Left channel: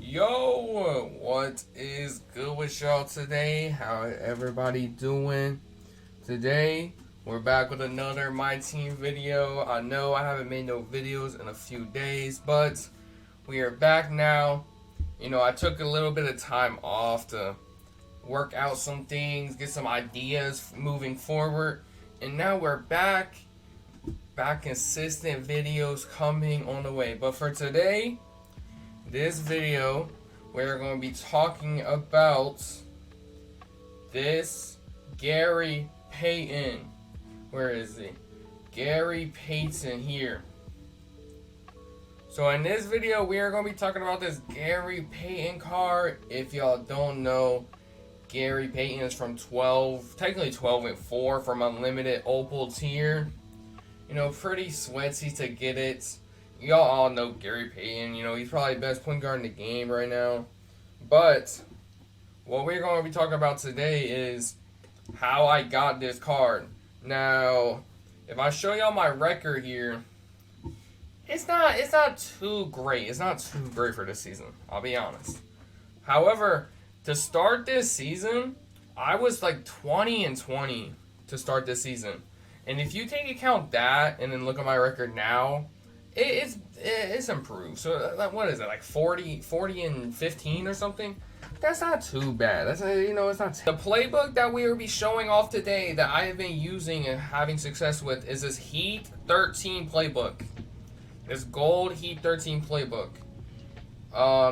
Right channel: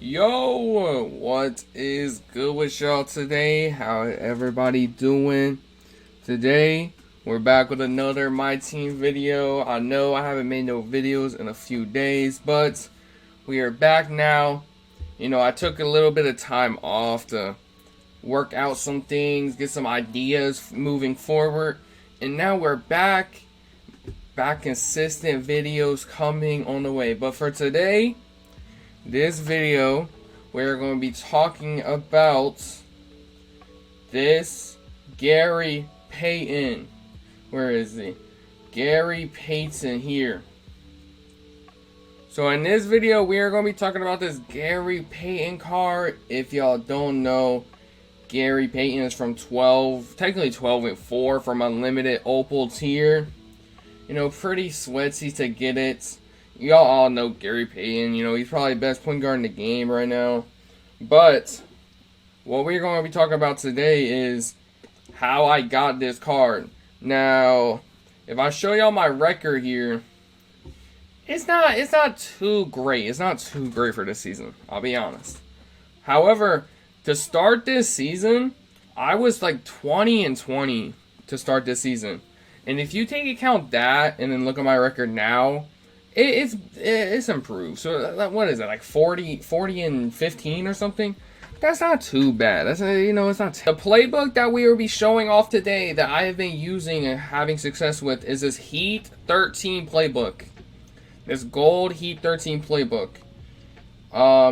Yo, what is good with y'all today? How everybody doing? Today, we're back with another My Team video. I know I haven't made no videos in a few days, but we are back now. You know, I took a little bit of time off to work out some things, get some ideas moving forward, and now we're back. Consistent videos coming on the way. But for today, this video, we're going to be talking about this Gary Payton. Where is he? Gary Payton here. So in this video, we are going to be talking about this Gary Payton card. If y'all don't know, Gary Payton is from 12-4 from Unlimited Opal tier. You know, pretty sweaty to get it. Y'all all know Gary Payton. You know, he's probably the best point guard in the game right now. But what we're going to be talking about today is how I got this card. Now, if I show y'all my record here, it's not too great. It's not too great for this season, I'll be honest. However, to start this season, I was like 20-20 to start this season. And if you take account that and then look at my record now, it's improved. So what is it, like 40-15 or something? That's not too bad. That's, you know, it's not. The playbook that we will be showing off today that I have been using and having success with is this Heat 13 playbook. This gold Heat 13 playbook.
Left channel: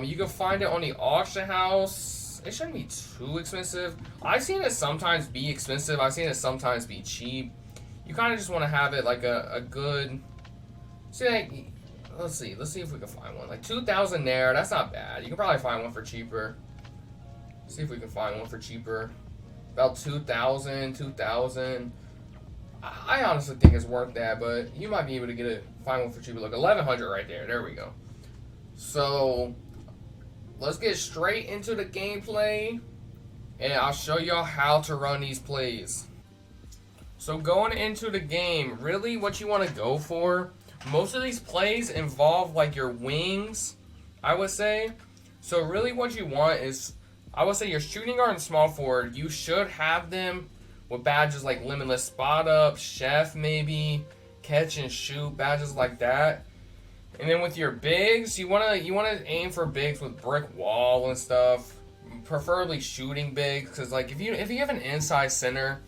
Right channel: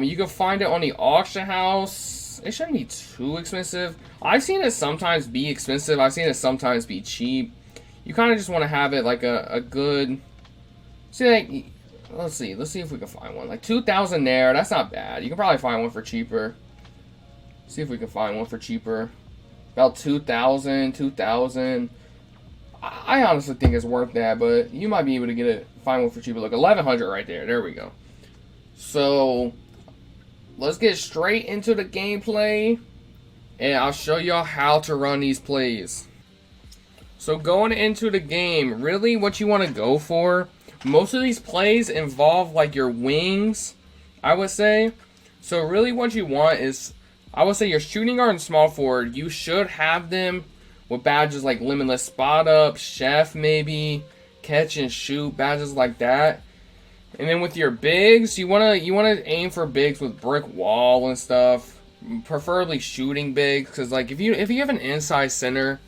You can find it on the auction house. It shouldn't be too expensive. I've seen it sometimes be expensive. I've seen it sometimes be cheap. You kind of just want to have it like a good. See, like, let's see if we can find one. Like 2,000 there, that's not bad. You can probably find one for cheaper. See if we can find one for cheaper. About 2,000. I honestly think it's worth that, but you might be able to find one for cheaper. Look, 1,100 right there. There we go. So let's get straight into the gameplay, and I'll show y'all how to run these plays. So going into the game, really what you want to go for, most of these plays involve like your wings, I would say. So really what you want is, I would say your shooting guard and small forward, you should have them with badges like limitless spot up, chef maybe, catch and shoot, badges like that. And then with your bigs, you wanna aim for bigs with brick wall and stuff, preferably shooting bigs, because like if you have an inside center,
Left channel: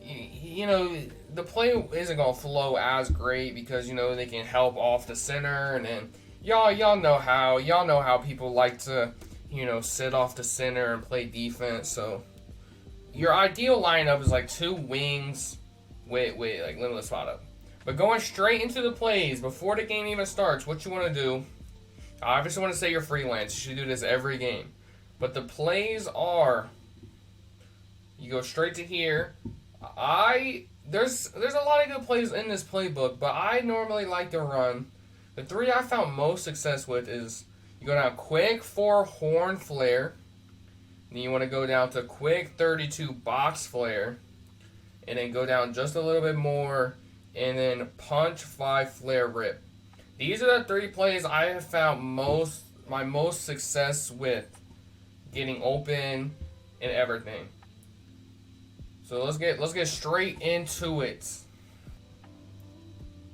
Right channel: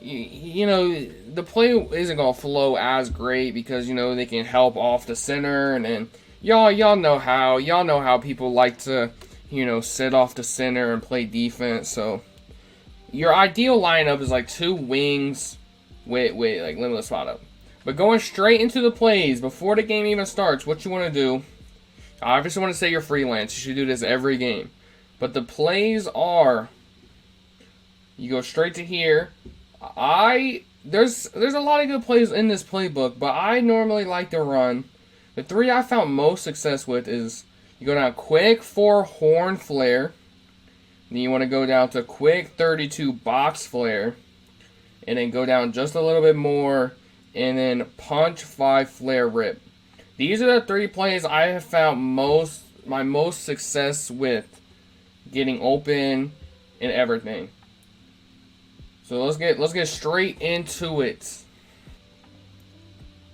you know, the play isn't gonna flow as great because, you know, they can help off the center, and then y'all know how people like to, you know, sit off the center and play defense. So your ideal lineup is like two wings with like limitless spot up. But going straight into the plays before the game even starts, what you want to do, I obviously want to say you're freelance. You should do this every game. But the plays are, you go straight to here. There's a lot of good plays in this playbook, but I normally like to run. The three I found most success with is you go down quick 4 horn flare, then you want to go down to quick 32 box flare, and then go down just a little bit more, and then punch 5 flare rip. These are the three plays I have found my most success with getting open and everything. So let's get straight into it.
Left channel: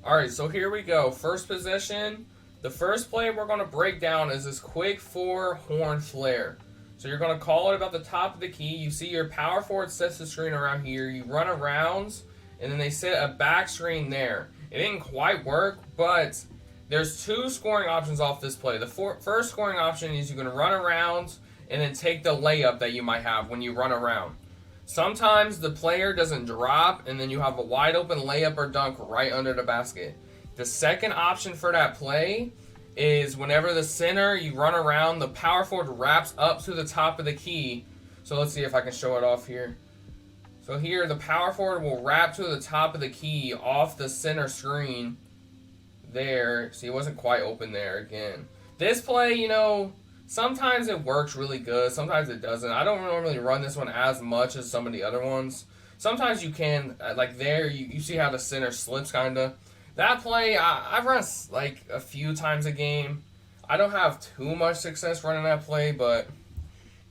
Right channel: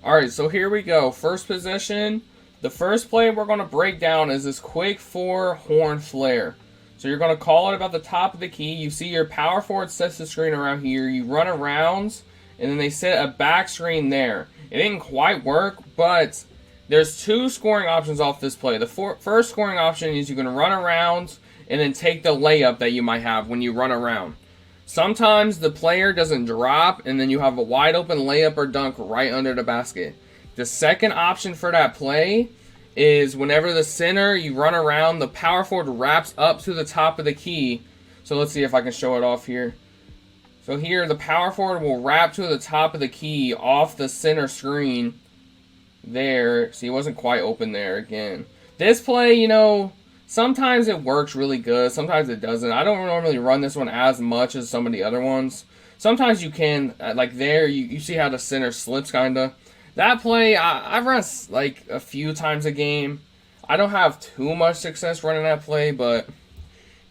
Alright, so here we go. First possession. The first play we're going to break down is this quick 4 horn flare. So you're going to call it about the top of the key. You see your power forward sets the screen around here. You run around, and then they set a back screen there. It didn't quite work, but there's 2 scoring options off this play. The first scoring option is you can run around and then take the layup that you might have when you run around. Sometimes the player doesn't drop, and then you have a wide open layup or dunk right under the basket. The second option for that play is whenever the center, you run around, the power forward wraps up to the top of the key. So let's see if I can show it off here. So here, the power forward will wrap to the top of the key off the center screen there. See, it wasn't quite open there again. This play, you know, sometimes it works really good, sometimes it doesn't. I don't normally run this one as much as some of the other ones. Sometimes you can, like there, you see how the center slips, kind of. That play, I've run like a few times a game. I don't have too much success running that play, but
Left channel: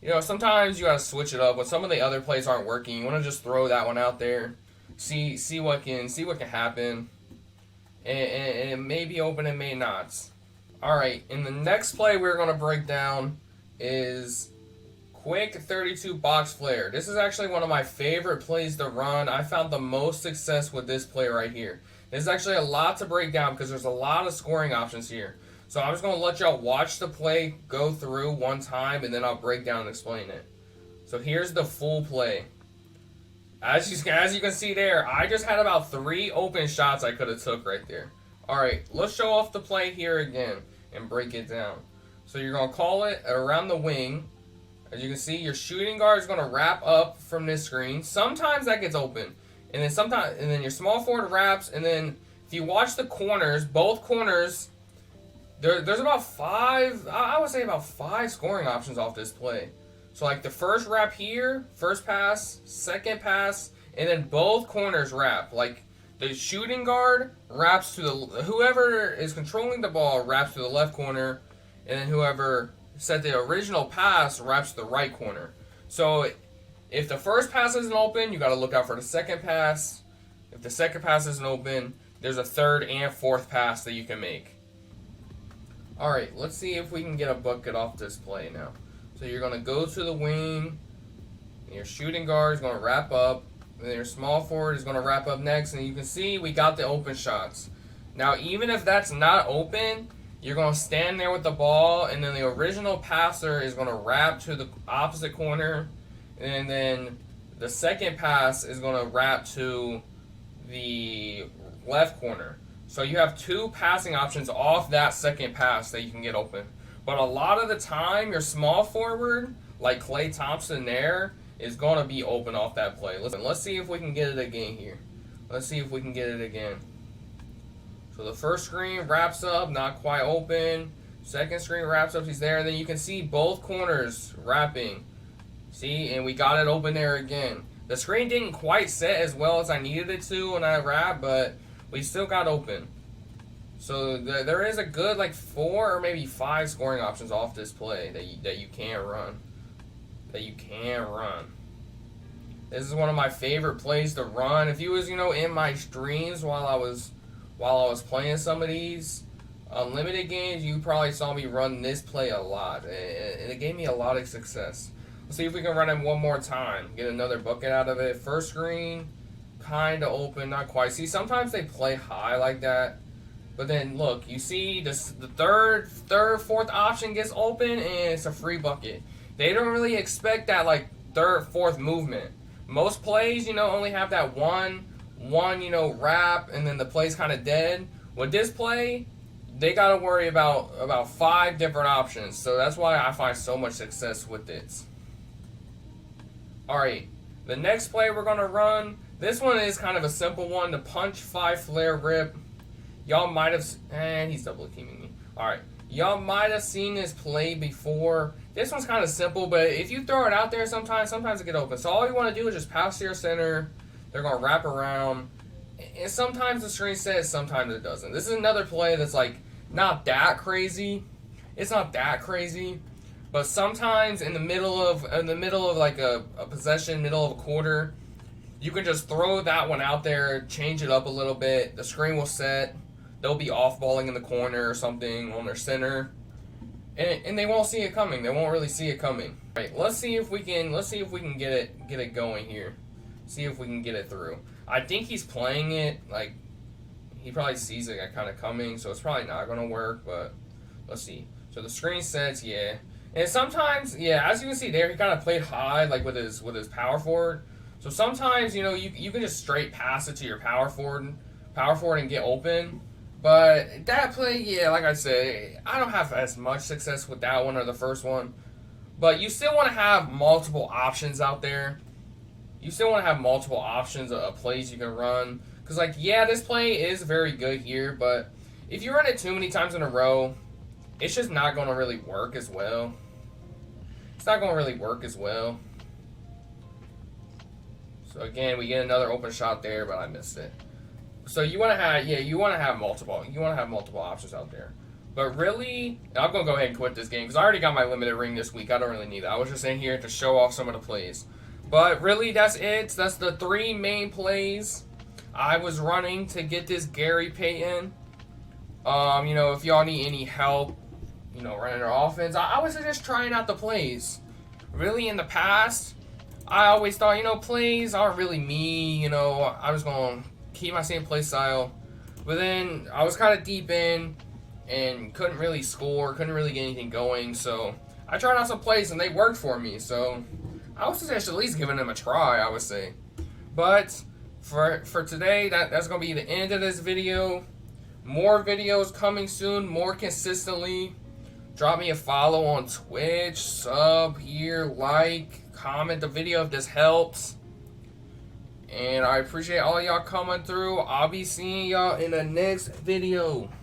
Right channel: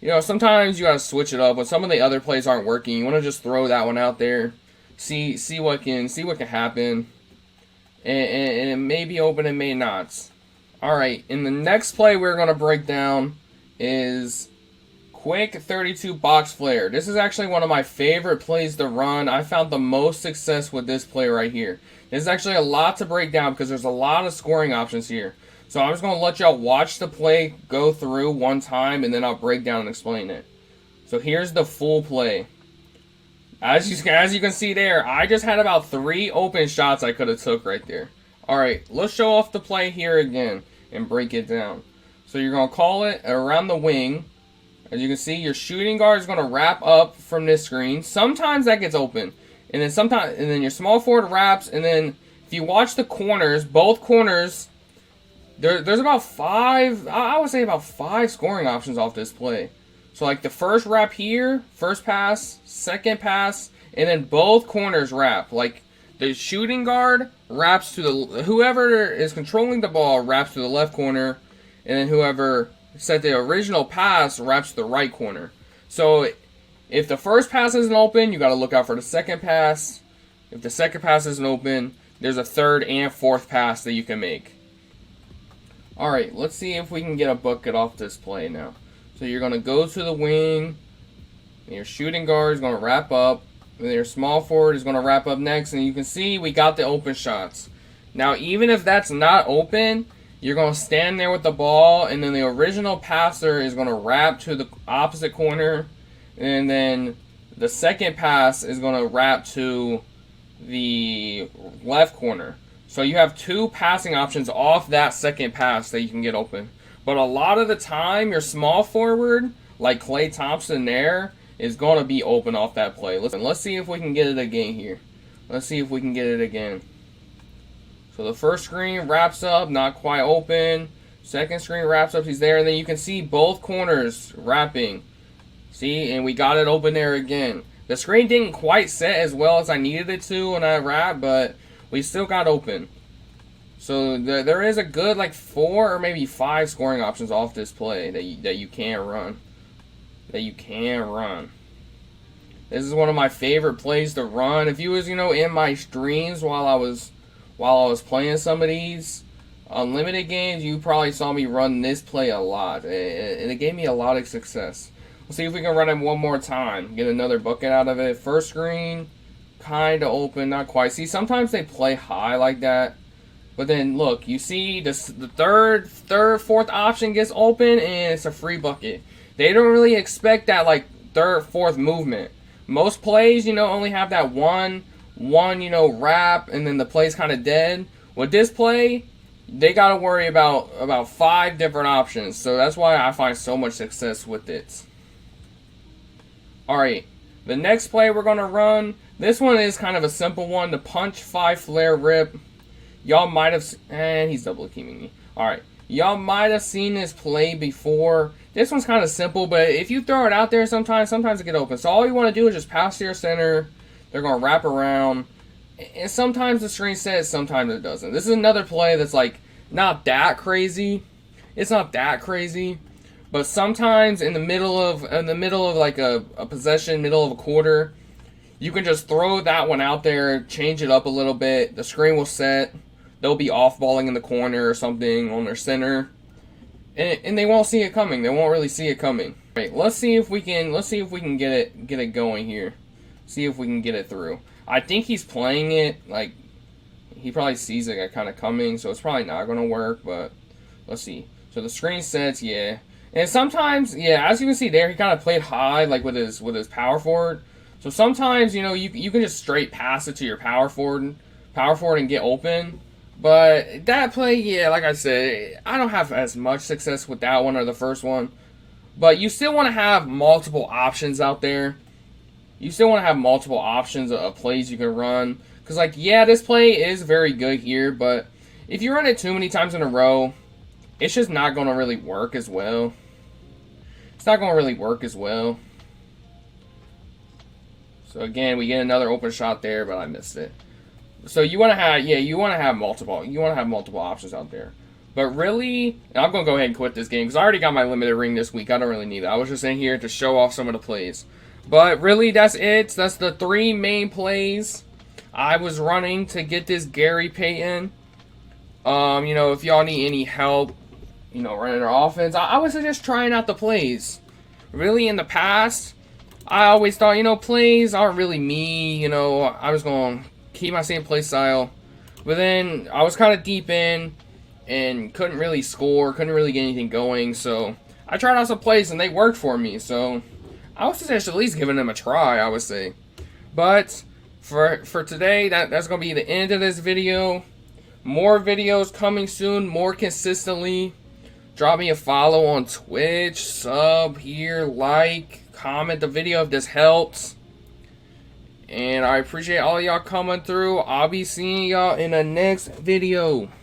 you know, sometimes you gotta switch it up when some of the other plays aren't working. You want to just throw that one out there, see what can happen, and it may be open, it may not. All right, in the next play we're gonna break down is quick 32 box flare. This is actually one of my favorite plays to run. I found the most success with this play right here. There's actually a lot to break down because there's a lot of scoring options here. So I'm just going to let y'all watch the play go through one time, and then I'll break down and explain it. So here's the full play. As you can see there, I just had about 3 open shots I could have took right there. Alright, let's show off the play here again and break it down. So you're going to call it around the wing. As you can see, your shooting guard is going to wrap up from this screen. Sometimes that gets open. And then your small forward wraps, and then if you watch the corners, both corners, there's about 5, I would say about 5 scoring options off this play. So like the first wrap here, first pass, second pass, and then both corners wrap. Like the shooting guard wraps to whoever is controlling the ball wraps to the left corner, and then whoever set the original pass wraps to the right corner. So if the first pass isn't open, you got to look out for the second pass. If the second pass isn't open, there's a third and fourth pass that you can make. Alright, let's see if we can get a bucket off this play now. So you're going to go to the wing, and your shooting guard is going to wrap up, and then your small forward is going to wrap up next, and you can see we got the open shots. Now even if that's not open, you're going to stand there with the ball, and then the original passer is going to wrap to the opposite corner, and then the second pass is going to wrap to the left corner. So you have 2 passing options off that second pass that you can get open. But a lot of the time, your small forward, like Klay Thompson there, is going to be open off that play. Listen, let's see if we can get it again here. Let's see if we can get it again. So the first screen wraps up, not quite open. Second screen wraps up, he's there. And then you can see both corners wrapping. See, and we got it open there again. The screen didn't quite set as well as I needed it to when I wrapped, but we still got open. So there is a good like 4 or maybe 5 scoring options off this play that you can run. This is one of my favorite plays to run. If you was, you know, in my streams while I was playing some of these unlimited games, you probably saw me run this play a lot, and it gave me a lot of success. Let's see if we can run it one more time. Get another bucket out of it. First screen, kind of open, not quite. See, sometimes they play high like that. But then, look, you see the third, fourth option gets open, and it's a free bucket. They don't really expect that, like, third, fourth movement. Most plays, you know, only have that one, you know, wrap, and then the play's kind of dead. With this play, they got to worry about 5 different options. So that's why I find so much success with it. Alright, the next play we're going to run, this one is kind of a simple one, the punch 5 flare rip. Y'all might have, and he's double teaming me. Alright, y'all might have seen this play before. This one's kind of simple, but if you throw it out there sometimes it get open. So all you want to do is just pass to your center. They're going to wrap around. And sometimes the screen sets, sometimes it doesn't. This is another play that's like not that crazy. It's not that crazy. But sometimes in the middle of like a possession, middle of a quarter, you can just throw that one out there, change it up a little bit. The screen will set. They'll be off-balling in the corner or something on their center, and they won't see it coming. They won't really see it coming. Right? Let's see if we can get it going here. See if we can get it through. I think he's playing it like he probably sees it kind of coming, so it's probably not going to work. But let's see. So the screen sets, yeah. And sometimes, yeah, as you can see there, he kind of played high, like with his power forward. So sometimes, you know, you can just straight pass it to your power forward and get open. But that play, yeah, like I said, I don't have as much success with that one or the first one. But you still want to have multiple options out there. You still want to have multiple options of plays you can run. Because, like, yeah, this play is very good here, but if you run it too many times in a row, it's just not going to really work as well. It's not going to really work as well. So again, we get another open shot there, but I missed it. So you want to have multiple options out there. But really, I'm going to go ahead and quit this game because I already got my limited ring this week. I don't really need that. I was just in here to show off some of the plays. But really, that's it. That's the 3 main plays I was running to get this Gary Payton. You know, if y'all need any help, you know, running our offense, I was just trying out the plays. Really, in the past, I always thought, you know, plays aren't really me. You know, I was going to keep my same play style. But then I was kind of deep in and couldn't really score, couldn't really get anything going. So I tried out some plays and they worked for me. So I was just at least giving them a try, I would say. But for today, that's going to be the end of this video. More videos coming soon, more consistently. Drop me a follow on Twitch, sub here, like, comment the video if this helps. And I appreciate all y'all coming through. I'll be seeing y'all in the next video.